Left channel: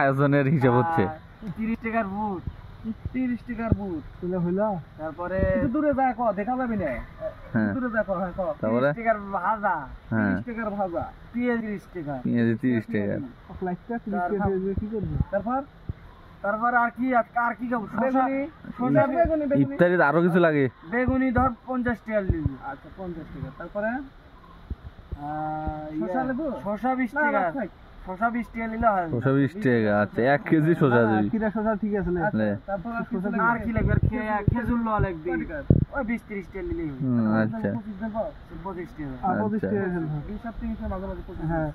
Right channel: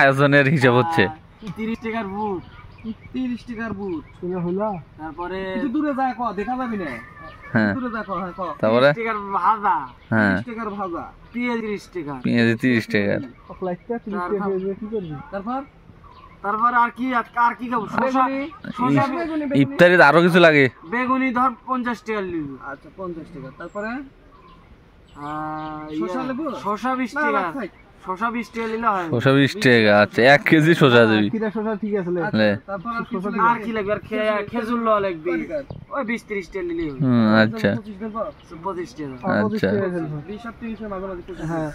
আয়োজনের হিসাব হচ্ছে 30 টাকার বুট 30 টাকার বুট হইলো তারপরে একটু দূরে যায় কো দেখা যাবে না দূরে যায় কো হ্যাঁ কো তারপরে 30 টাকার ভাজা 30 টাকার ভাজা পেঁয়াজ 30 টাকা পেঁয়াজ 30 টাকা কখলাইটা 30 টাকা দিয়ে কি করবি তারপর আর কি খাবো শসা বেগুনি ইফতারিতে আরো কিছু লাগে বেগুনি ধর 50 টাকা নিব আচ্ছা 50 টাকা তারপরে শসা নেব শসা 20 টাকা শসা 20 টাকা নিলে হয় শসা 20 টাকা আচ্ছা 1 কেজি শসা দিবি কিরা শসা ঠিক আছে লে তারপর আর কি লাগবে আর খেজুর লওয়া লাগবে ওই 20 30 টাকা নিলেই হবে আচ্ছা 25 টাকা আচ্ছা 20 আর 30 এর মাঝে মাঝে 25 হ্যাঁ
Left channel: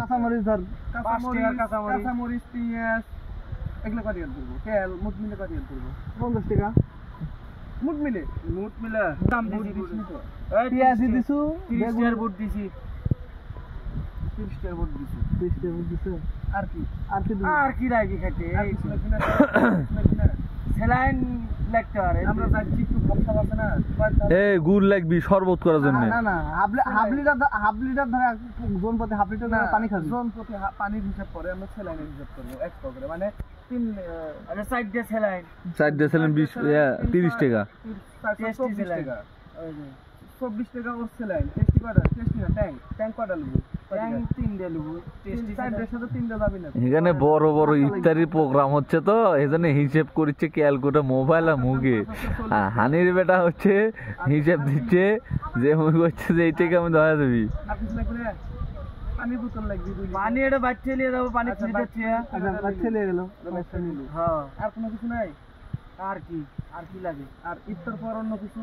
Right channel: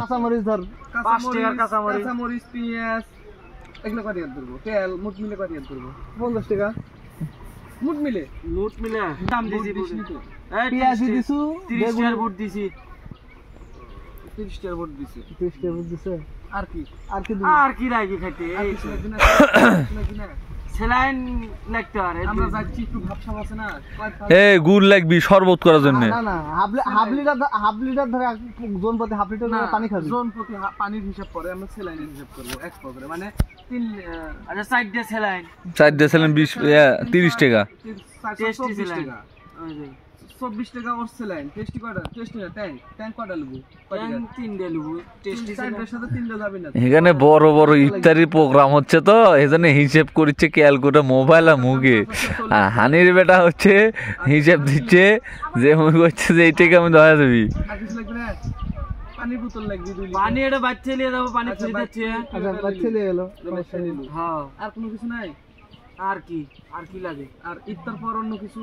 কাঁচা মরিচ ধর 5 টাকার কাঁচা মরিচ পেঁয়াজ এগুলো কত দিয়ে ধরবো তেল মুট মিলে কত দিয়ে ধরবো 50 টাকা মুট মিলে দাম দিছি এই পেঁয়াজ দিছু 30 টাকার বুট দিছি 30 টাকার বুট দিছি 30 টাকার বুট দিছে আর কি আর কি রাখি থাকে এই সেলাইন লাগতে পারে আমরা যাচ্ছি একটু ভাবসাব আছে না এই গুড় লাগবি শরবত করার জন্য না হাফ লিটার ধরে জন প্রতি হাফ লিটার পানি খাবি জন প্রতি পানির হিসাব করে আমরা সেলাইনের হিসাব করব এক্সট্রা করে মানে 3 আচ্ছা সাইড দিয়ে সেলাইন 4 ডেসিলিন 20 30 টাকা 24 টাকা 24 টাকা ওর সেলাইন টেস্টি না ট্যাঙ্ক কটা লব ট্যাঙ্ক 3 দিয়ে লব টেস্টি সাইডের সাথে 3টা যাবে না এখানে বড় বড় ইফতারি প্রোগ্রাম হচ্ছে তো এজন্য হিসাব করছে ক্যালকুলেটর মোবাইল আর মুখে হানির বেটা হচ্ছে হিসাব দিচ্ছে যে মুখ হচ্ছে যে এই টাকা আমি ধরা দেবি আর কিছু লাগবে না পানি বোতল লাগবে 2 লিটার পানি এটা বাচ্চা নিয়ে যাবো পানি ফ্রি দিচ্ছি আচ্ছা বাচ্চা নিয়ে গেল হ্যাঁ আর কোনো কিছু নাই আর কি লাগে আর ইফতার পর অন্য কিছু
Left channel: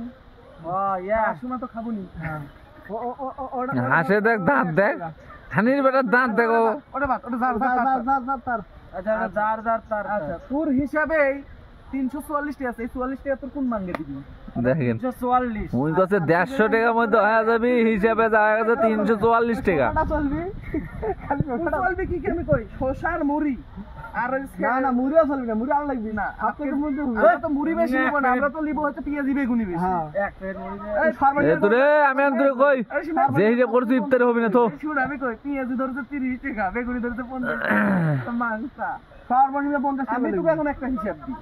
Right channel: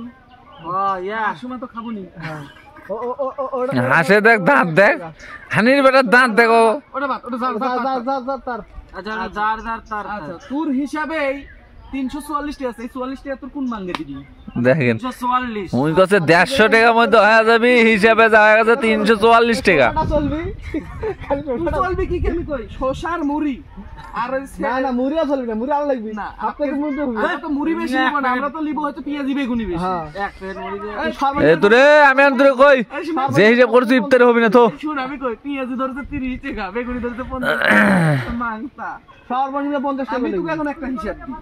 সময় তো খাবো নি হাসে দেখ দাঁত দেখ হানির বেটার দাঁত দেখো ওটা তার আচ্ছা তার আচ্ছা তোর হিসাবেই 344 টাকা আছে এই 44 টাকা তোর কোন মাঙ্গে দিবি দেখেন 344 মুই কাছে 150 টাকার মধ্যে হয়ে যাবে হিসাবে যাওয়া গেছে 344 টাকা চলবি কি আমি কই শসার মুড়ি আর না মুড়িও চলবে না মুড়ি আর লাগবে না আপনাদের মুড়ি তো মুড়ি বেশি নিব না আমরা তো লিব হয়তো পেঁয়াজি বেগুনি বেশি এক প্লেট মুড়ি দে এ তোরে আমি আনতে কই যে হিসাব করছিস ইফতারে হবে না তো শুন আমি কই পেঁয়াজি ধরতে 30 টাকা বেগুনি ধরতে 50 টাকা মাংসা সর্বনিম্ন 50 টাকা আমি তোকে এখন একটা হিসাব দিই